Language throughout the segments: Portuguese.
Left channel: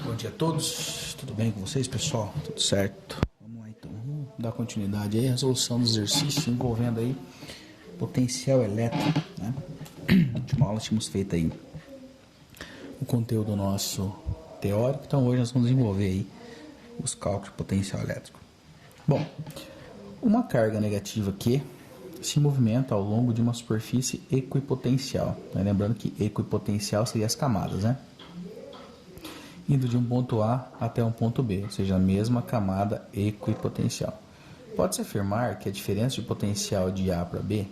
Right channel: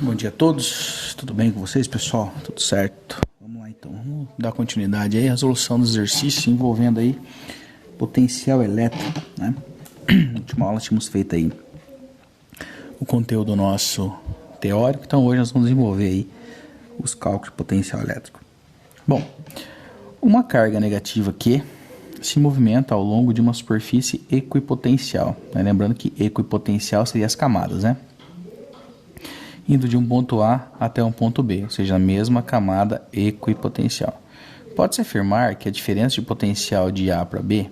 Bom dia a todos, tudo bem com vocês, pessoal? Tudo certo? Vamos lá então, vamos dar continuidade aí à resolução do exercício envolvendo aí potencial elétrico, né? Na última aula tínhamos feito aí o conteúdo nosso teórico, então hoje nós vamos desenvolver aí os cálculos de potencial elétrico. Bom, uma carga negativa Q se movimenta ao longo de uma superfície equipotencial, né? Lembrando que equipotencial seria as camadas, né? Indo de um ponto A até um ponto B, ou seja, a mesma camada equipotencial. Pode-se afirmar que a diferença de potencial de A para B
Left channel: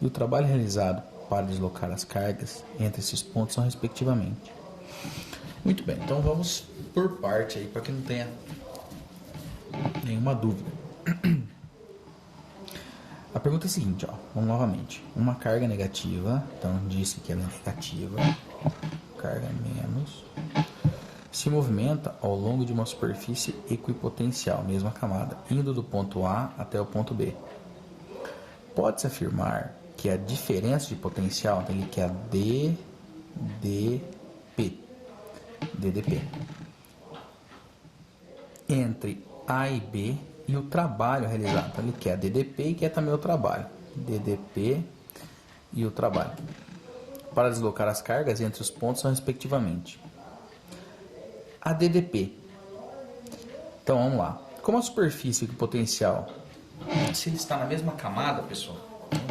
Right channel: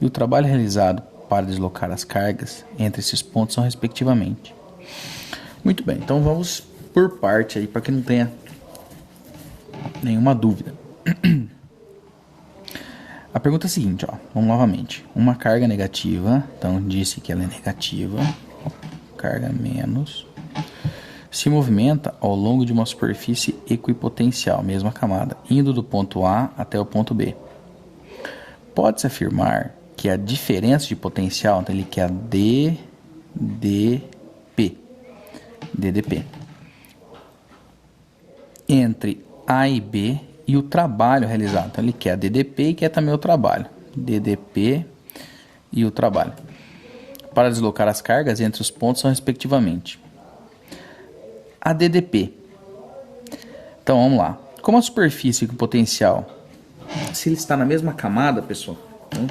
e o trabalho realizado para deslocar as cargas entre esses pontos são respectivamente. Muito bem, então vamos por parte aí para que não tenha nenhuma dúvida. A pergunta é a seguinte, ó, vamos novamente. Uma carga negativa, então disse que ela é negativa, carga menos, se movimenta ao longo de uma superfície equipotencial, mesma camada, indo do ponto A até o ponto B. Pode-se afirmar que a diferença de potencial, então ele quer DDP, entre A e B e o trabalho realizado. Então ele quer DDP e quer também o trabalho. DDP e o trabalho. Para deslocar as cargas entre os pontos são respectivamente a DDP. Então vamos lá. Como a superfície equipotencial, se ele está na mesma camada, pessoal, então,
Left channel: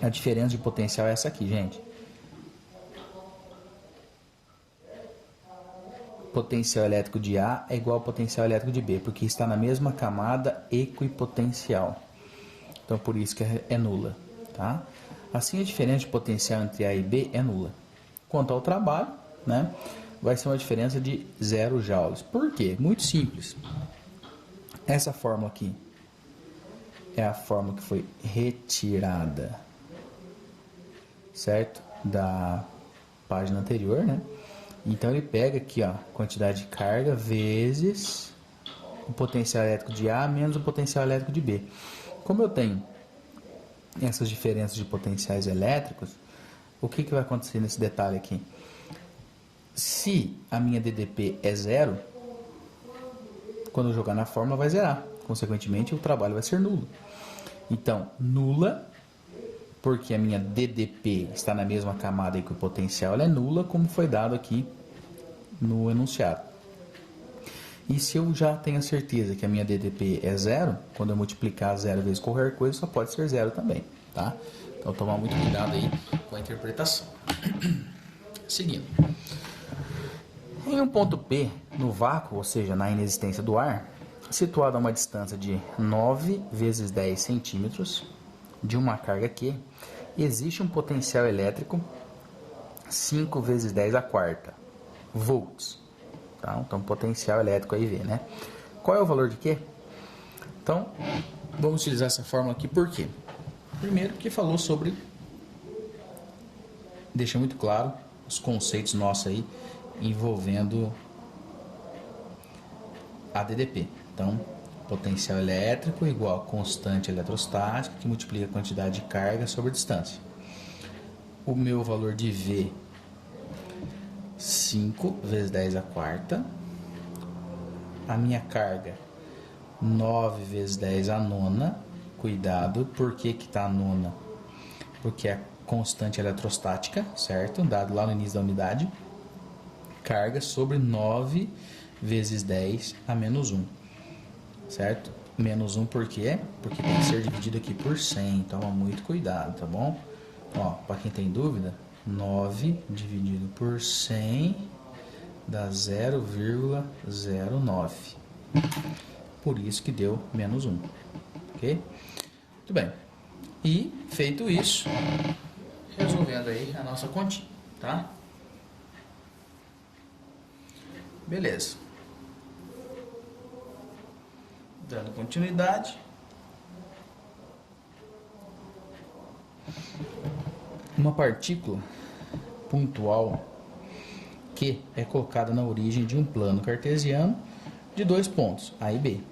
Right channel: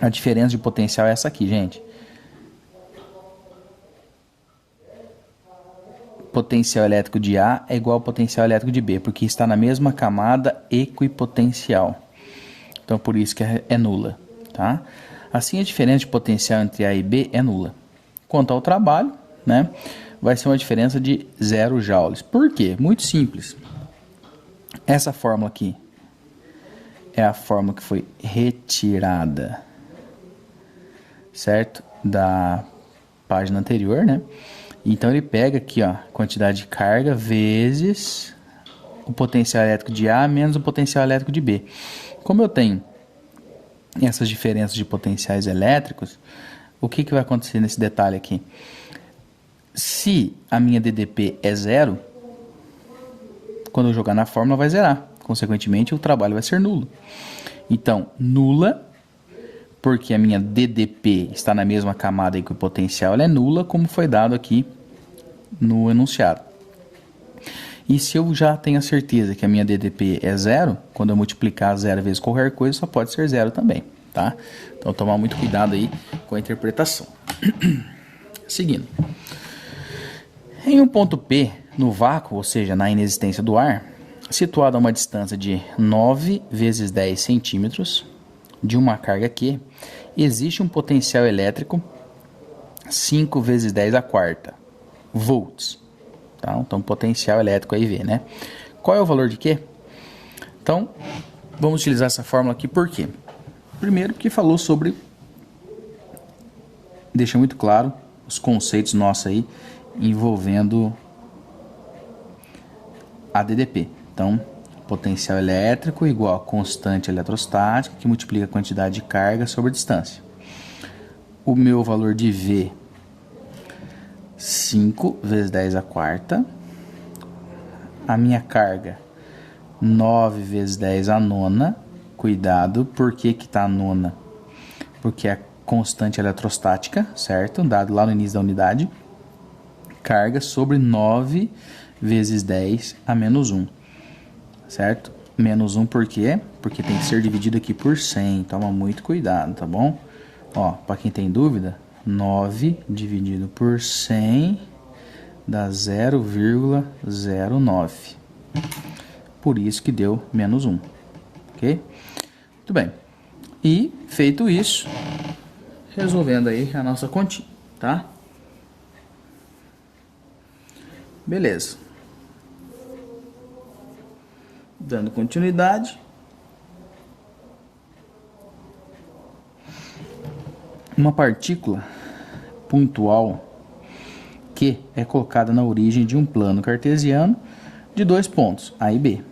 a diferença de potencial é essa aqui, gente. Potencial elétrico de A é igual ao potencial elétrico de B, porque está na mesma camada equipotencial. Então por isso que é nula, tá? Assim a diferença de potencial entre A e B é nula. Quanto ao trabalho, né, vai ser uma diferença de 0 joules. Por quê? Muito simples. Essa fórmula aqui é a fórmula que foi retirada, certo? Da página anterior, né? Então ele pega aqui, ó, quantidade de carga vezes o potencial elétrico de A menos o potencial elétrico de B. Como eu tenho essas diferenças de potenciais elétricos, o que vai acontecer nesse detalhe aqui? Se a minha DDP é 0, quando eu jogar na fórmula vai zerar. Consequentemente, o trabalho vai ser nulo. Então, nula, porque a minha DDP está na mesma camada equipotencial, ela é nula, como foi dado aqui no enunciado. E se eu já tenho a certeza que a minha DDP é 0, quando eu multiplicar 0 vezes qualquer coisa, só pode ser 0 também, tá? Então, tomar muito cuidado aí com a interpretação. Seguindo. Em um ponto P, no vácuo, ou seja, na inexistência do ar, situado a uma distância de 9 vezes 10 centímetros de uma carga Q, existe um potencial elétrico 5 vezes 10 a quarta volts. Tá? Então, potencial elétrico aí V, né? Qual é o valor de Q? Então, vamos utilizar essa fórmula aqui por quê? Primeiro, porque falou sobre, deixa muito claro os conceitos nossos aí, envolvendo a DDP. Então, potencial elétrico igual a constante eletrostática que multiplica a quantidade de carga sobre a distância. O meu valor de V, 5 vezes 10 a quarta. A minha carga, 9 vezes 10 a nona. Cuidado, por que está a nona? Porque é a constante eletrostática, certo? Dado lá no início da unidade. Carga sobre 9 vezes 10 a menos 1, certo? Menos 1 por quê? Porque tem que ser dividido aqui por 100, toma muito cuidado, tá bom? Ó, para quem tem dúvida, 9 dividido por 100 dá 0,09. Por isso que deu menos 1, ok? Muito bem. E, feito isso, resolvendo aí a nossa continha, tá? Beleza. Dando continuidade. Uma partícula pontual Q é colocada na origem de um plano cartesiano de 2 pontos, A e B.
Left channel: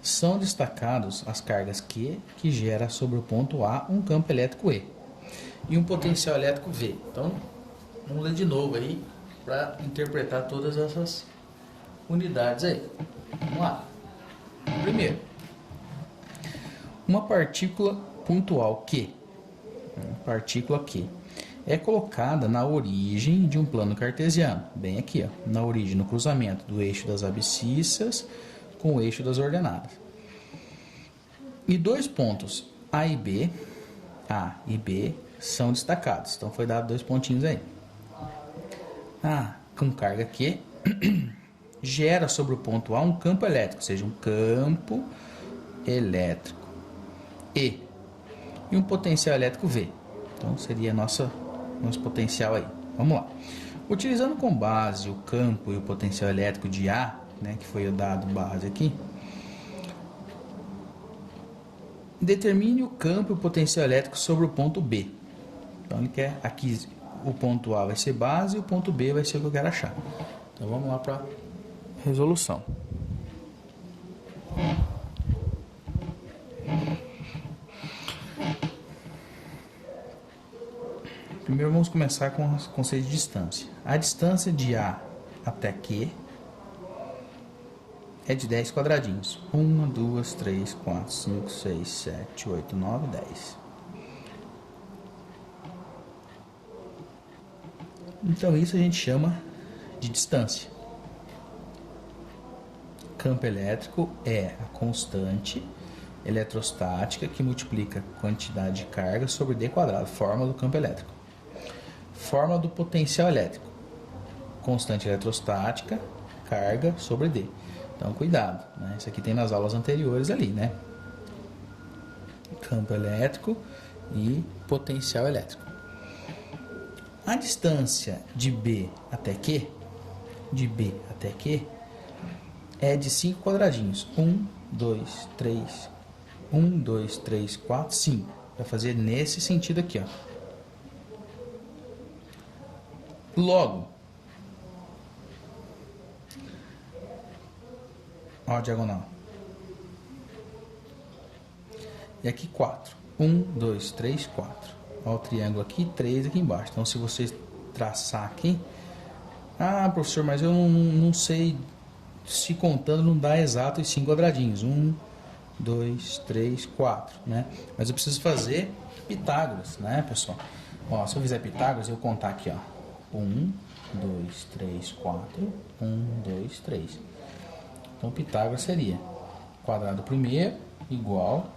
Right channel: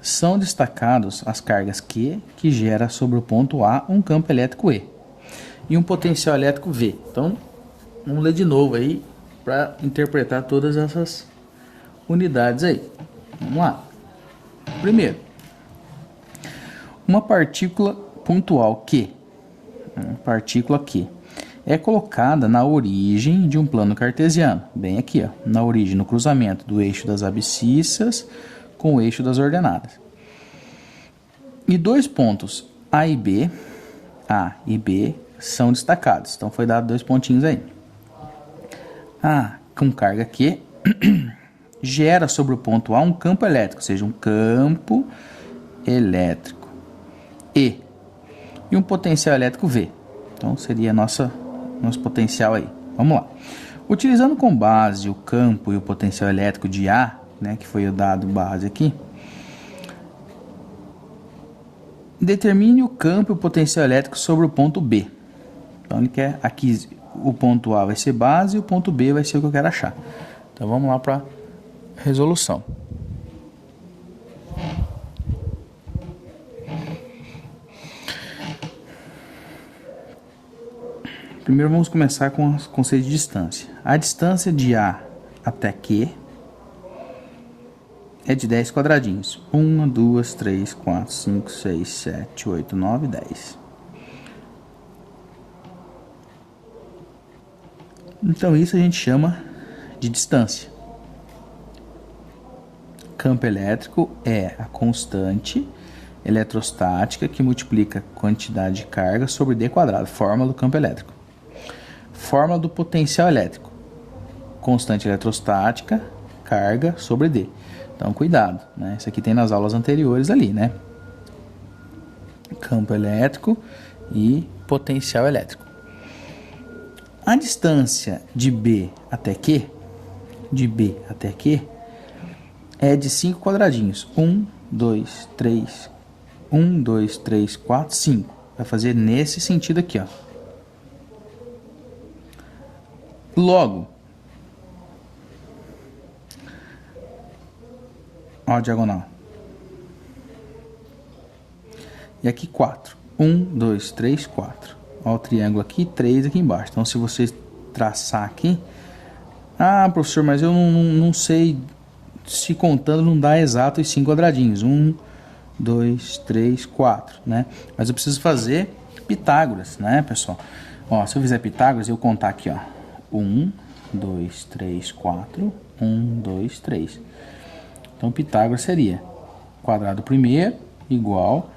São destacados as cargas Q que gera sobre o ponto A um campo elétrico E e um potencial elétrico V. Então, vamos ler de novo aí para interpretar todas essas unidades aí. Vamos lá. Primeiro, uma partícula pontual Q, é colocada na origem de um plano cartesiano, bem aqui, ó, na origem, no cruzamento do eixo das abscissas com o eixo das ordenadas. E dois pontos A e B são destacados, então foi dado 2 pontinhos aí. A com carga Q gera sobre o ponto A um campo elétrico, ou seja, um campo elétrico E um potencial elétrico V. Então seria nosso potencial aí. Vamos lá. Utilizando como base o campo e o potencial elétrico de A, né, que foi o dado base aqui, determine o campo e o potencial elétrico sobre o ponto B. Então ele quer aqui, o ponto A vai ser base e o ponto B vai ser o que eu quero achar. Então vamos lá para resolução. Primeiro vamos começar com o conceito de distância. A distância de A até Q é de 10 quadradinhos. 1, 2, 3, 4, 5, 6, 7, 8, 9, 10. Então isso a gente chama de distância. Campo elétrico é a constante eletrostática que multiplica a quantidade de carga sobre D quadrado, fórmula do campo elétrico. Fórmula do potencial elétrico, constante eletrostática, carga sobre D. Então cuidado, né? Isso aqui tem nas aulas anteriores ali, né? Campo elétrico e potencial elétrico. A distância de B até Q, é de 5 quadradinhos. 1, 2, 3, 1, 2, 3, 4, 5. Vai fazer nesse sentido aqui, ó. Logo, ó a diagonal. E aqui 4. 1, 2, 3, 4. Ó o triângulo aqui, 3 aqui embaixo. Então, se você traçar aqui... Ah, professor, mas eu não sei... Se contando não dá exato os 5 quadradinhos. 1, 2, 3, 4, né? Mas eu preciso fazer Pitágoras, né, pessoal? Ó, se eu fizer Pitágoras, eu contar aqui, ó. 1, 2, 3, 4, 1, 2, 3. Então, Pitágoras seria quadrado primeiro igual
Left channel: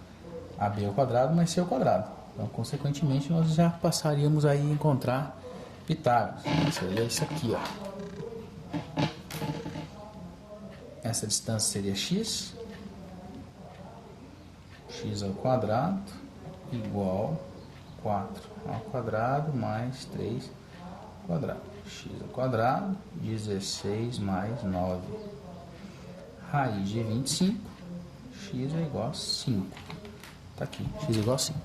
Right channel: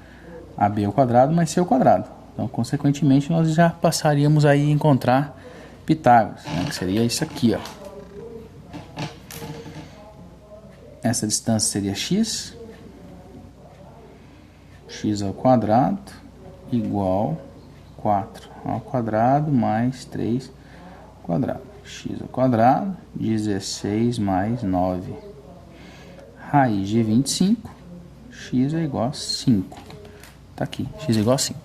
a B ao quadrado mais C ao quadrado. Então, consequentemente, nós já passaríamos aí a encontrar Pitágoras, né, que seria isso aqui, ó. Essa distância seria x ao quadrado igual 4 ao quadrado mais 3 ao quadrado. X ao quadrado, 16 mais 9. Raiz de 25, x é igual a 5. Tá aqui, x é igual a 5.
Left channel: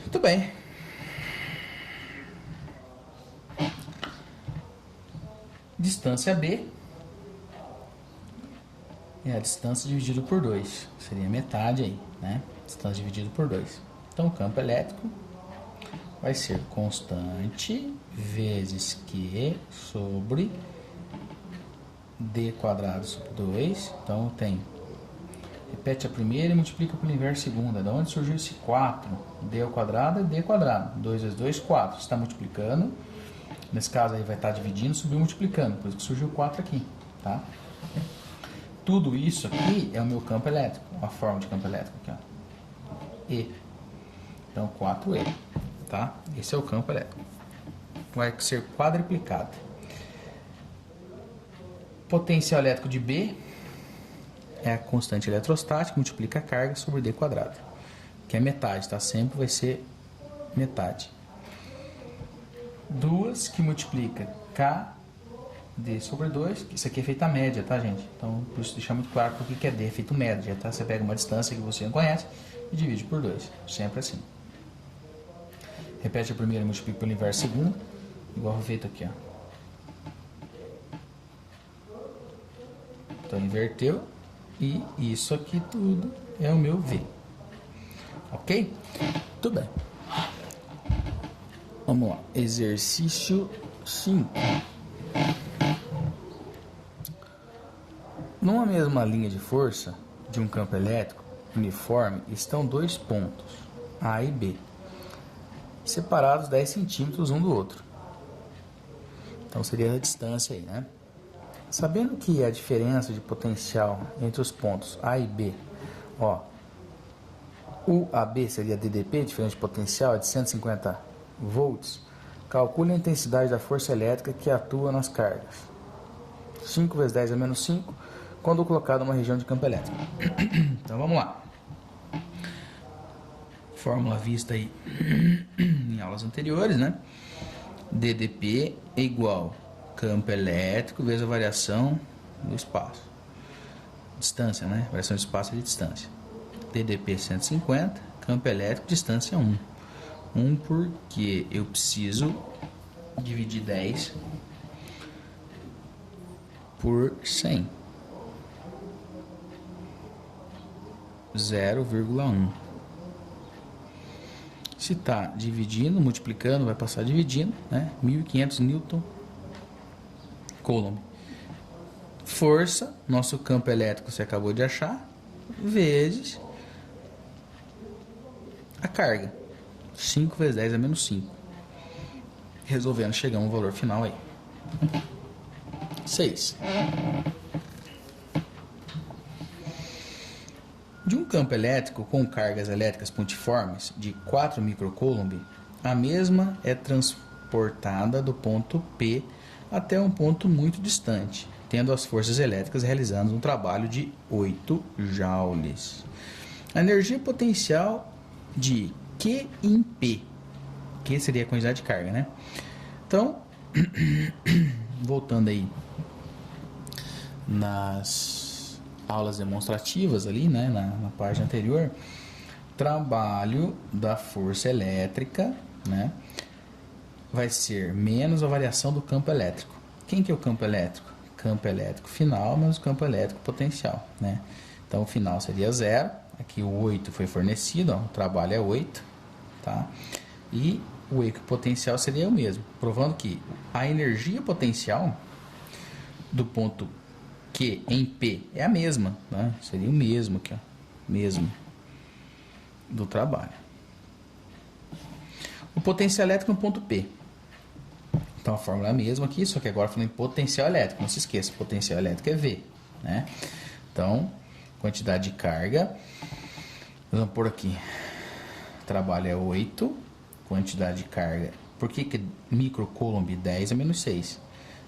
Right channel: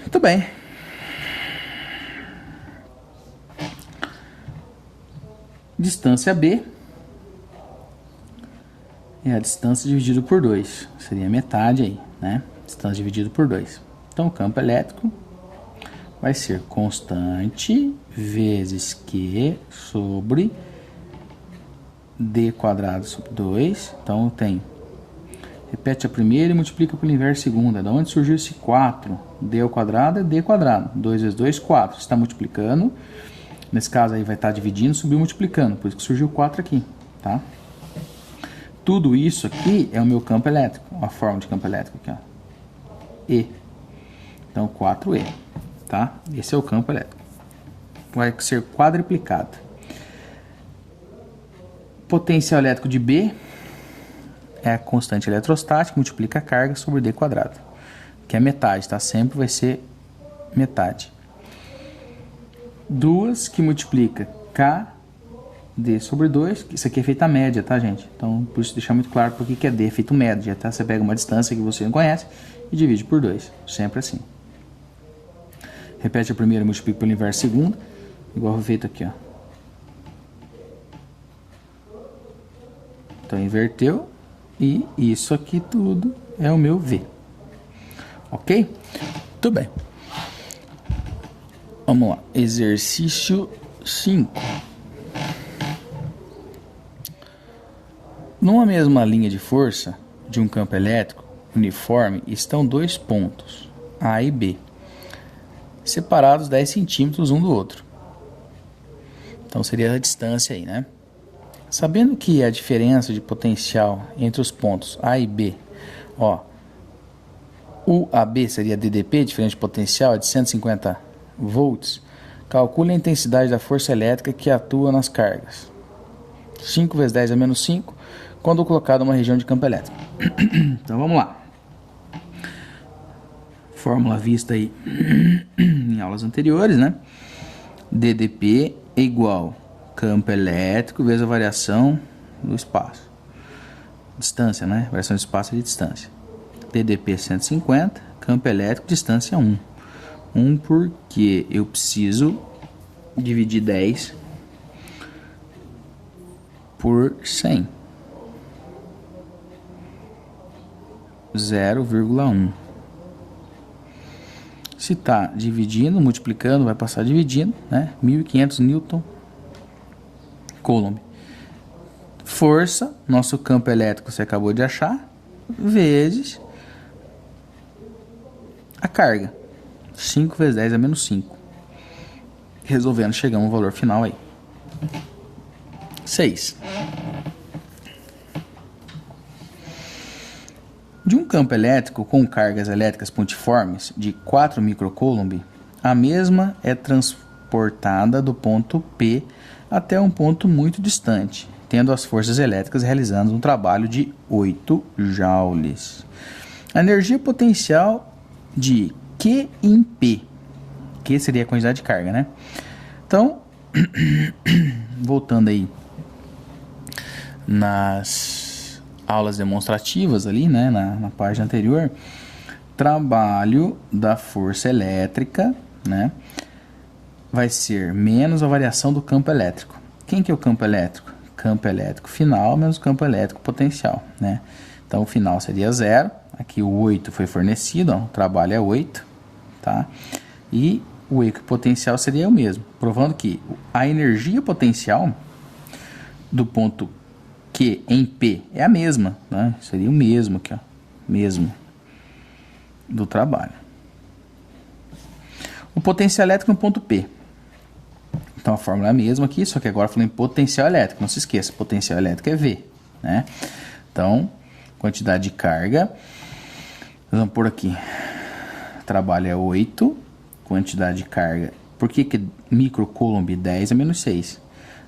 Muito bem. Distância B é a distância dividido por 2. Seria metade aí, né? Distância dividido por 2. Então, o campo elétrico vai ser constante vezes Q sobre D quadrado sobre 2. Então, tem... Repete a primeira e multiplica pelo inverso segunda. Da onde surgiu esse 4? D ao quadrado é D quadrado. 2 vezes 2, 4. Você está multiplicando. Nesse caso aí vai estar dividindo, subiu multiplicando. Por isso que surgiu 4 aqui, tá? Tudo isso aqui é o meu campo elétrico. A forma de campo elétrico aqui, ó. E. Então, 4E, tá? Esse é o campo elétrico. Vai ser quadruplicado. Potencial elétrico de B é a constante eletrostática, multiplica a carga sobre D quadrado, que é metade, tá? Sempre vai ser metade. 2 que multiplica KD sobre 2, isso aqui é feita a média, tá, gente? Então, por isso deixar muito claro porque que é D, é feito média, tá? Você pega uma distância que você não conhece e divide por 2, sempre assim. Repete a primeira e multiplica pelo inverso segundo, igual foi feito aqui, ó. Então, inverteu. E isso aqui tudo é o meu V. Ok? Tudo bem. Vamos lá. Exercício 5. Numa mesma linha de força de um campo elétrico uniforme estão dois pontos, A e B, separados 10 centímetros um do outro. Então seria a distância aí, né? Sabendo que a diferença de potencial entre os pontos A e B, ó, o AB seria DDP, diferença de potencial, é de 150 volts, calcule a intensidade da força elétrica que atua nas cargas. 5 vezes 10 a menos 5, quando colocado numa região de campo elétrico. Então vamos lá. Fórmula vista aí em aulas anteriores, né? DDP é igual campo elétrico vezes a variação do espaço. Distância, né? Variação de espaço e de distância. DDP 150, campo elétrico, distância 1. 1 porque eu preciso dividir 10 por 100. 0,1. Se está dividindo, multiplicando, vai passar dividindo, né? 1.500 Newton Coulomb. Força, nosso campo elétrico você acabou de achar, vezes a carga. 5 vezes 10 é menos 5. Resolvendo, chegamos ao valor final aí. 6. De um campo elétrico com cargas elétricas pontiformes de 4 microcoulomb, a mesma é transportada do ponto P até um ponto muito distante, tendo as forças elétricas realizando um trabalho de 8 joules. A energia potencial de Q em P, Q seria a quantidade de carga, né? Então, voltando aí nas aulas demonstrativas ali, né, na página anterior, trabalho da força elétrica, né, vai ser menos a variação do campo elétrico. Quem que é o campo elétrico? Campo elétrico final menos o campo elétrico potencial, né? Então o final seria 0, aqui o 8 foi fornecido, ó, o trabalho é 8, tá? E o equipotencial seria o mesmo, provando que a energia potencial do ponto Q em P é a mesma, né? Seria o mesmo aqui, ó, mesmo do trabalho. O potencial elétrico no ponto P. Então a fórmula é a mesma aqui, só que agora falando em potencial elétrico. Não se esqueça, potencial elétrico é V, né? Então, quantidade de carga, vamos por aqui. Trabalho é 8, quantidade de carga. Por que microcoulomb 10 é menos 6?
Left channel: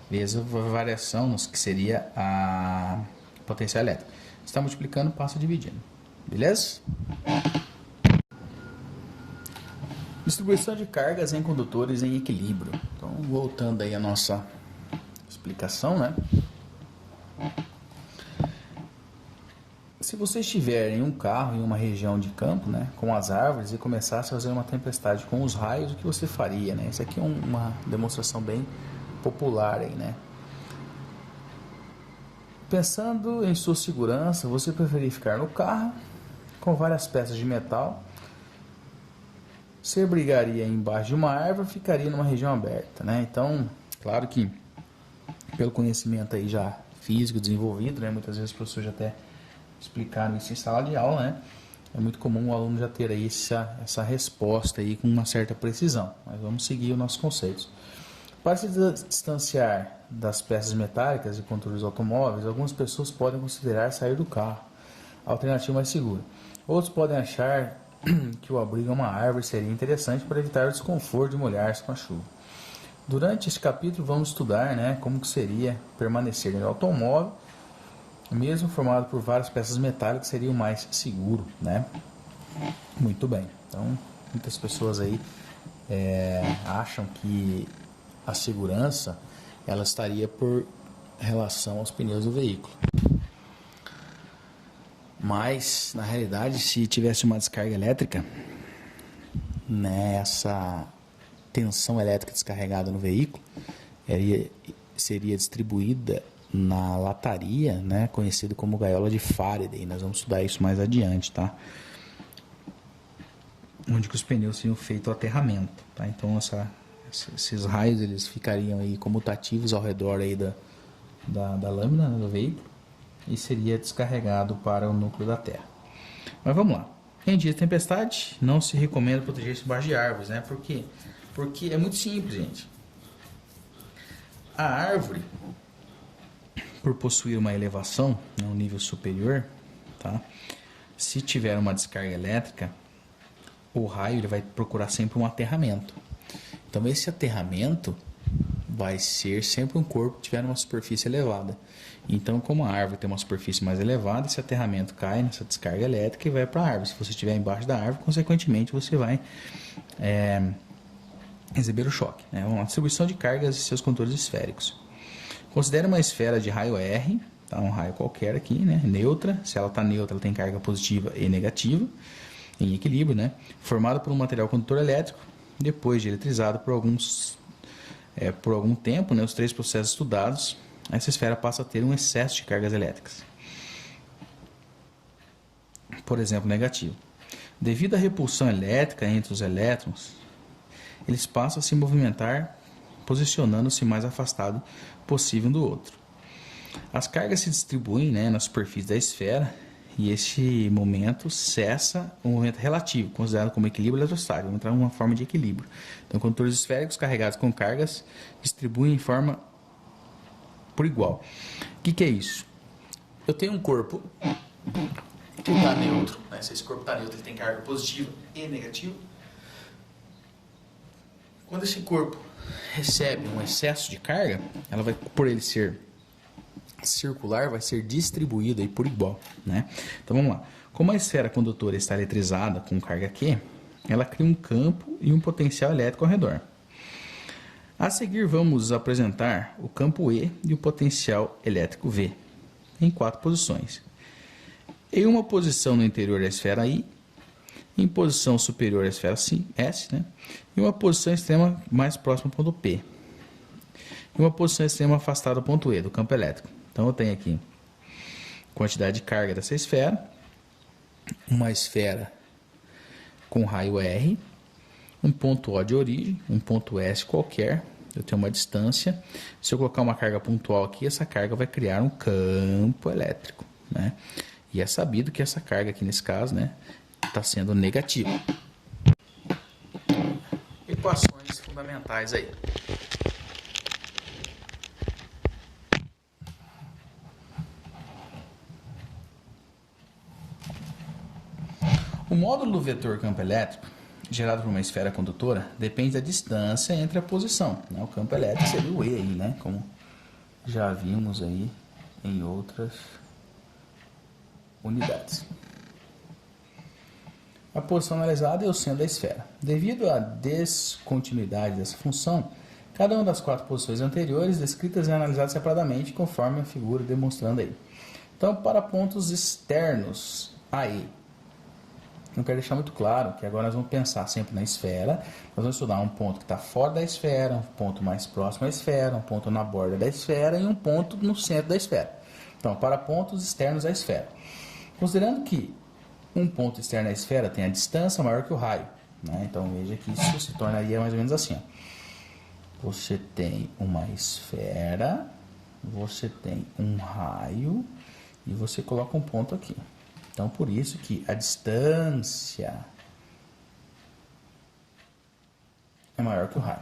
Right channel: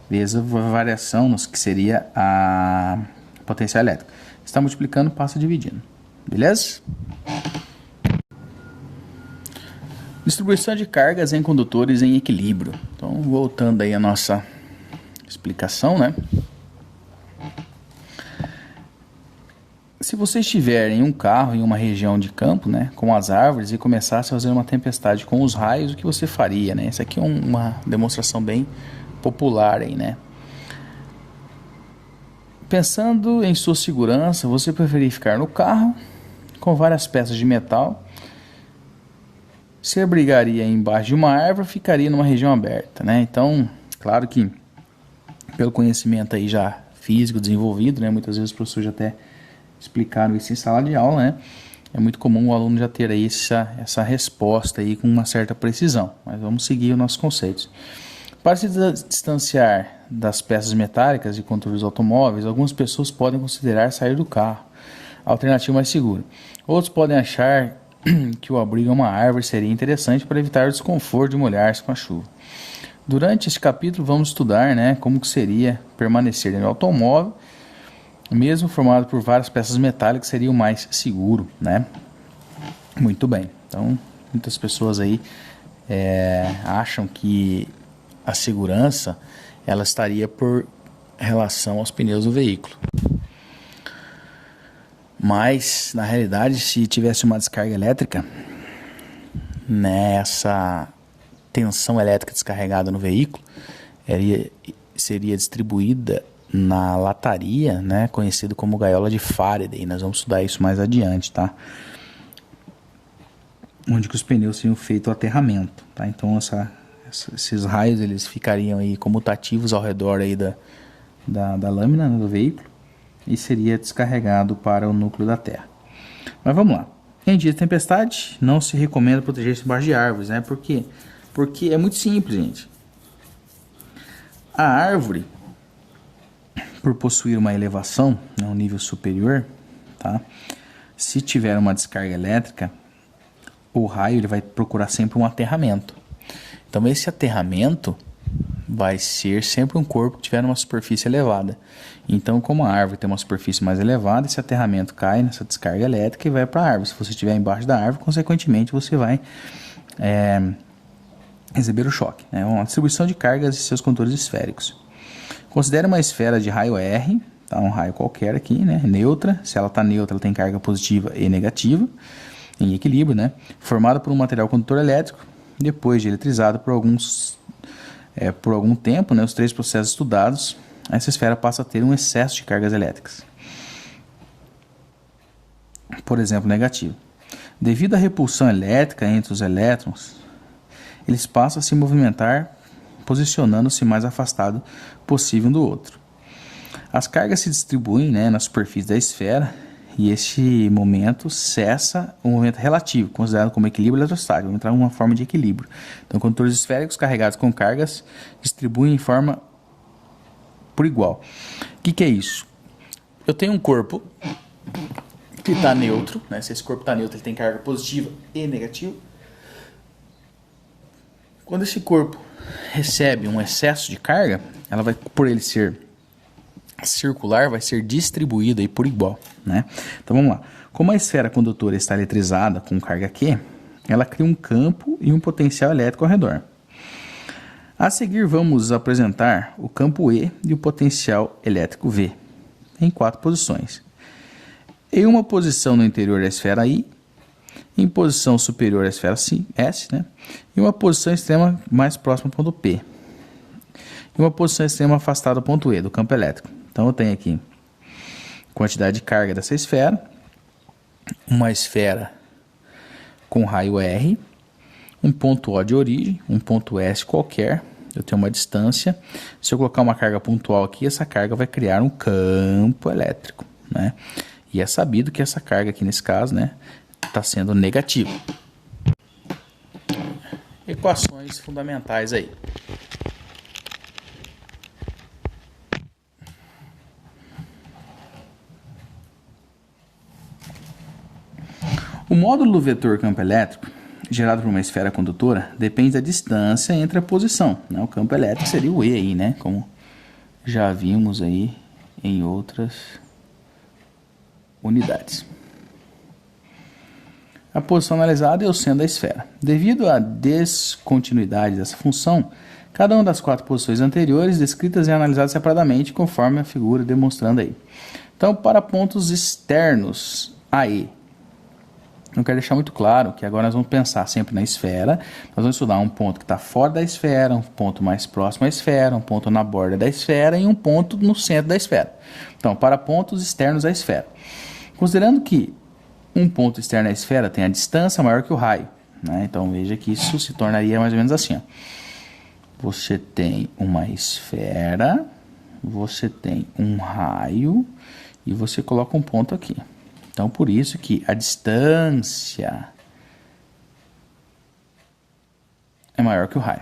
Vezes a variação, que seria a potencial elétrica. Está multiplicando, passa dividindo. Beleza? Distribuição de cargas em condutores em equilíbrio. Então, voltando aí a nossa explicação, né? Se você estiver em um carro em uma região de campo, né, com as árvores e começasse a fazer uma tempestade com os raios, o que você faria, né? Essa aqui é uma demonstração bem popular aí, né? Pensando em sua segurança, você preferir ficar no carro com várias peças de metal? Se abrigaria embaixo de uma árvore, ficaria numa região aberta, né? Então, claro que pelo conhecimento aí já físico desenvolvido, né? Muitas vezes os professores já até explicaram isso em sala de aula, né? É muito comum o aluno já ter aí essa resposta aí com uma certa precisão, mas vamos seguir os nossos conceitos. Para se distanciar das peças metálicas e controles automóveis, algumas pessoas podem considerar sair do carro, a alternativa mais segura. Outros podem achar que o abrigo a uma árvore seria interessante para evitar o desconforto de molhar-se com a chuva. Durante este capítulo vamos estudar, né, como que seria permanecer no automóvel, mesmo formado por várias peças metálicas, seria o mais seguro, né? Muito bem. Então, muitas pessoas aí acham que a segurança ela estaria por relação aos pneus do veículo. Mas, na realidade, se tivesse uma descarga elétrica, né, essa tensão elétrica descarregada no veículo seria distribuída na lataria, né, conhecido como gaiola de Faraday. Nós vamos estudar isso mais adiante, tá? Onde que os pneus seriam feitos o aterramento, tá? Então, esses raios eles ficariam aí comutativos ao redor aí da lâmina, né, do veículo, e seria descarregado para o núcleo da Terra. Mas vamos lá. Em dia de tempestade, não se recomenda proteger-se embaixo de árvores, né? Por quê? Porque é muito simples, gente. A árvore, por possuir uma elevação, né, um nível superior, tá? Se tiver uma descarga elétrica, o raio ele vai procurar sempre um aterramento. Então esse aterramento vai ser sempre um corpo que tiver uma superfície elevada. Então, como a árvore tem uma superfície mais elevada, esse aterramento cai nessa descarga elétrica e vai para a árvore. Se você estiver embaixo da árvore, consequentemente você vai receber o choque, né? Uma distribuição de cargas e seus contornos esféricos. Considere uma esfera de raio R, tá? Um raio qualquer aqui, né? Neutra. Se ela está neutra, ela tem carga positiva e negativa, em equilíbrio, né? Formada por um material condutor elétrico, depois de eletrizado por algum tempo, né? Os 3 processos estudados, essa esfera passa a ter um excesso de cargas elétricas. Por exemplo, negativo. Devido à repulsão elétrica entre os elétrons, eles passam a se movimentar posicionando-se mais afastado possível um do outro. As cargas se distribuem, né, na superfície da esfera e esse momento cessa o movimento relativo, considerado como equilíbrio eletrostático. Vamos entrar em uma forma de equilíbrio. Então, condutores esféricos carregados com cargas distribuem em forma por igual. O que é isso? Eu tenho um corpo que está neutro, né? Se esse corpo está neutro, ele tem carga positiva e negativa. Quando esse corpo recebe um excesso de carga, ela vai, por ele ser circular, vai ser distribuída aí por igual, né? Então vamos lá. Como a esfera condutora está eletrizada com carga Q, ela cria um campo e um potencial elétrico ao redor. A seguir vamos apresentar o campo E e o potencial elétrico V em 4 posições. Em uma posição no interior da esfera I, em posição superior à esfera S, né? E uma posição extrema mais próxima ao ponto P. E uma posição extrema afastada do ponto E, do campo elétrico. Então eu tenho aqui quantidade de carga dessa esfera, uma esfera com raio R, um ponto O de origem, um ponto S qualquer, eu tenho uma distância. Se eu colocar uma carga pontual aqui, essa carga vai criar um campo elétrico, né? E é sabido que essa carga aqui nesse caso, né, está sendo negativa. Equações fundamentais aí. O módulo do vetor campo elétrico, gerado por uma esfera condutora, depende da distância entre a posição, né? O campo elétrico seria o E aí, né? Como já vimos aí em outras unidades. A posição analisada é o centro da esfera. Devido à descontinuidade dessa função, cada uma das 4 posições anteriores descritas é analisada separadamente, conforme a figura demonstrando aí. Então, para pontos externos a E, eu quero deixar muito claro que agora nós vamos pensar sempre na esfera. Nós vamos estudar um ponto que está fora da esfera, um ponto mais próximo à esfera, um ponto na borda da esfera e um ponto no centro da esfera. Então, para pontos externos à esfera. Considerando que um ponto externo à esfera tem a distância maior que o raio, né? Então, veja que isso se tornaria mais ou menos assim, ó. Você tem uma esfera, você tem um raio e você coloca um ponto aqui. Então, por isso que a distância é maior que o raio.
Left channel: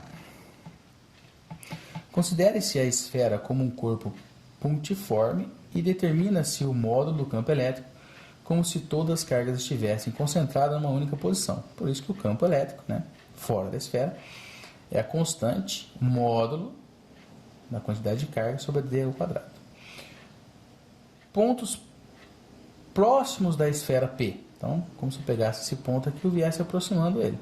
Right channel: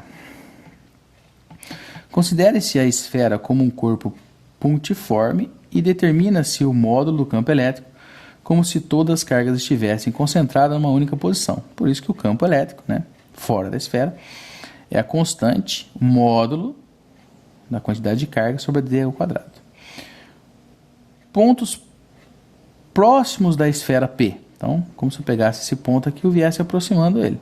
Considere-se a esfera como um corpo pontiforme e determina-se o módulo do campo elétrico como se todas as cargas estivessem concentradas numa única posição. Por isso que o campo elétrico, né, fora da esfera, é a constante módulo da quantidade de carga sobre a d ao quadrado. Pontos próximos da esfera P. Então, como se eu pegasse esse ponto aqui e eu viesse aproximando ele,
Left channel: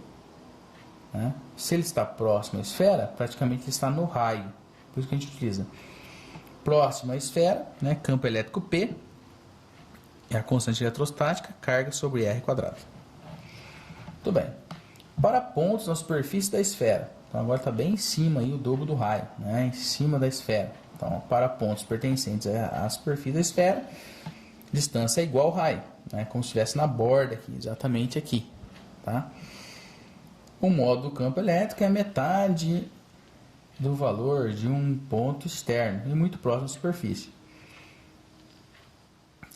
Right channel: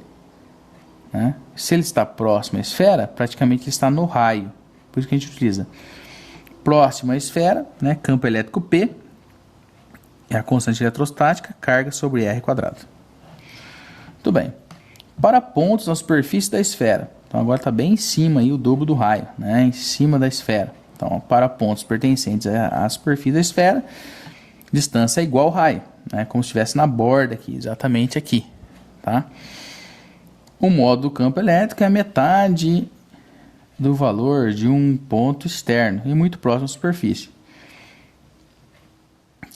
né? Se ele está próximo à esfera, praticamente ele está no raio. Por isso que a gente utiliza próximo à esfera, né? Campo elétrico P, é a constante eletrostática, carga sobre R quadrado. Muito bem. Para pontos na superfície da esfera. Então, agora está bem em cima aí o dobro do raio, né? Em cima da esfera. Então, para pontos pertencentes à superfície da esfera, distância é igual ao raio, né? Como se estivesse na borda aqui, exatamente aqui, tá? O módulo do campo elétrico é a metade do valor de um ponto externo e muito próximo à superfície.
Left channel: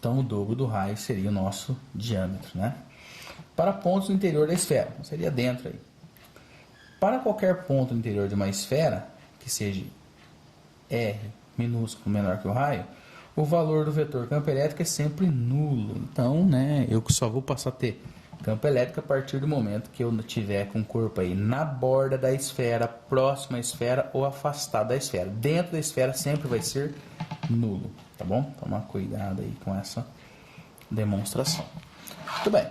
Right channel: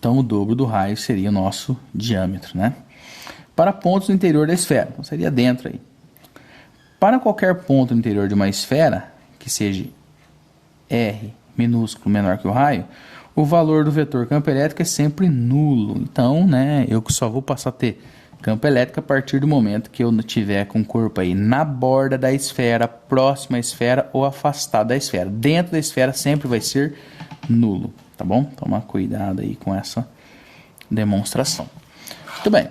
Então, o dobro do raio seria o nosso diâmetro, né? Para pontos no interior da esfera, então seria dentro aí. Para qualquer ponto no interior de uma esfera, que seja R minúsculo menor que o raio, o valor do vetor campo elétrico é sempre nulo. Então, né, eu só vou passar a ter campo elétrico a partir do momento que eu tiver com o corpo aí na borda da esfera, próximo à esfera ou afastado da esfera. Dentro da esfera sempre vai ser nulo, tá bom? Toma cuidado aí com essa demonstração. Muito bem.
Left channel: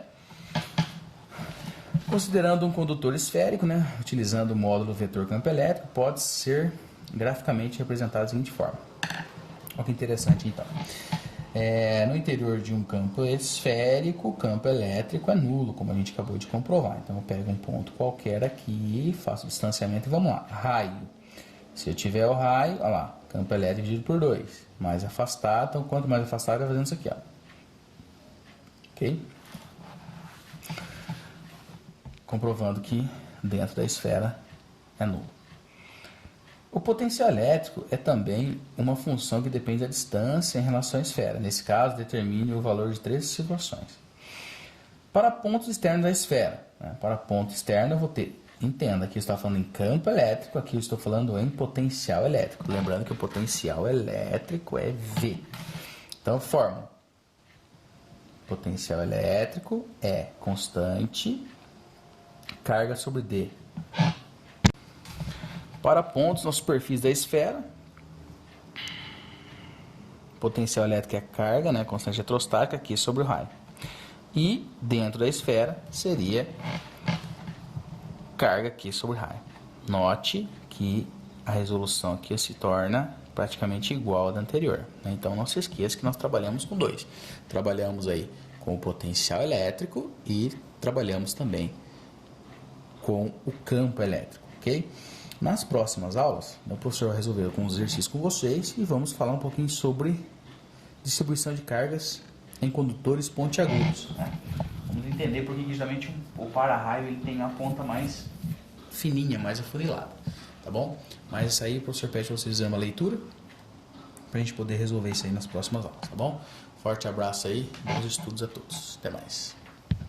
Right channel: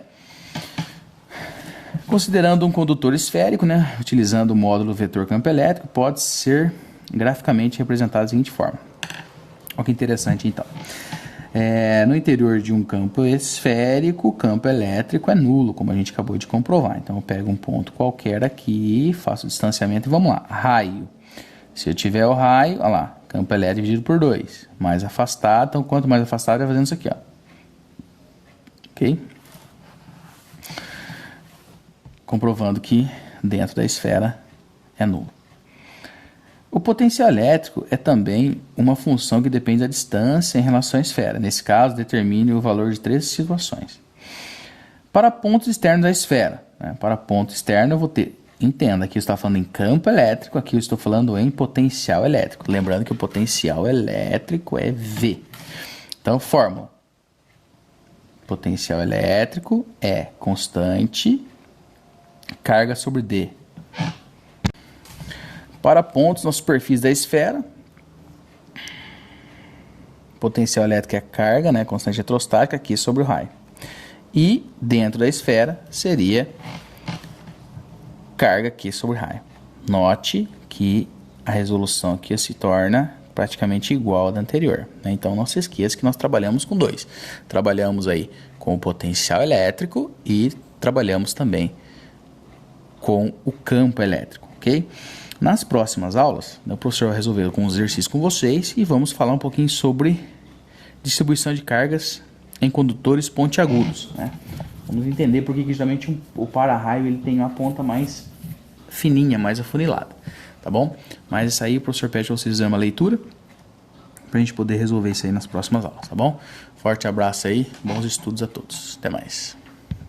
Considerando um condutor esférico, né, utilizando o módulo vetor campo elétrico, pode ser graficamente representado da seguinte forma. Olha que interessante então. No interior de um campo esférico, o campo elétrico é nulo, como a gente acabou de comprovar. Então eu pego um ponto qualquer aqui, faço o distanciamento e vamos lá. Raio. Se eu tiver o raio, olha lá, campo elétrico dividido por 2. Mais afastado, então quanto mais afastado, vai fazendo isso aqui, ó. Ok? Comprovando que dentro da esfera é nulo. O potencial elétrico é também uma função que depende da distância em relação à esfera. Nesse caso, determine o valor de 3 situações. Para pontos externos da esfera, né? Para ponto externo eu vou ter, entenda, aqui eu estou falando em campo elétrico, aqui eu estou falando em potencial elétrico. Lembrando que o potencial elétrico é V. Então, fórmula. Potencial elétrico é constante, carga sobre D. Para pontos na superfície da esfera, potencial elétrico é carga, né, constante eletrostática aqui sobre o raio. E dentro da esfera seria carga aqui sobre o raio. Note que a resolução aqui se torna praticamente igual à da anterior, né? Então não se esqueça que nós trabalhamos com dois. Trabalhamos aí com o potencial elétrico e trabalhamos também com o campo elétrico, ok? Nas próximas aulas, o professor vai resolver alguns exercícios com vocês e vamos falar um pouquinho sobre distribuição de cargas em condutores pontiagudos, né? Vamos entender por que justamente o para-raio ele tem uma ponta mais fininha, mais afunilada, tá bom? Mas isso aí o professor pede para vocês fazerem uma leitura para a gente poder resolver isso aí nas próximas aulas, tá bom? Forte abraço aí, bons estudos a todos, até mais.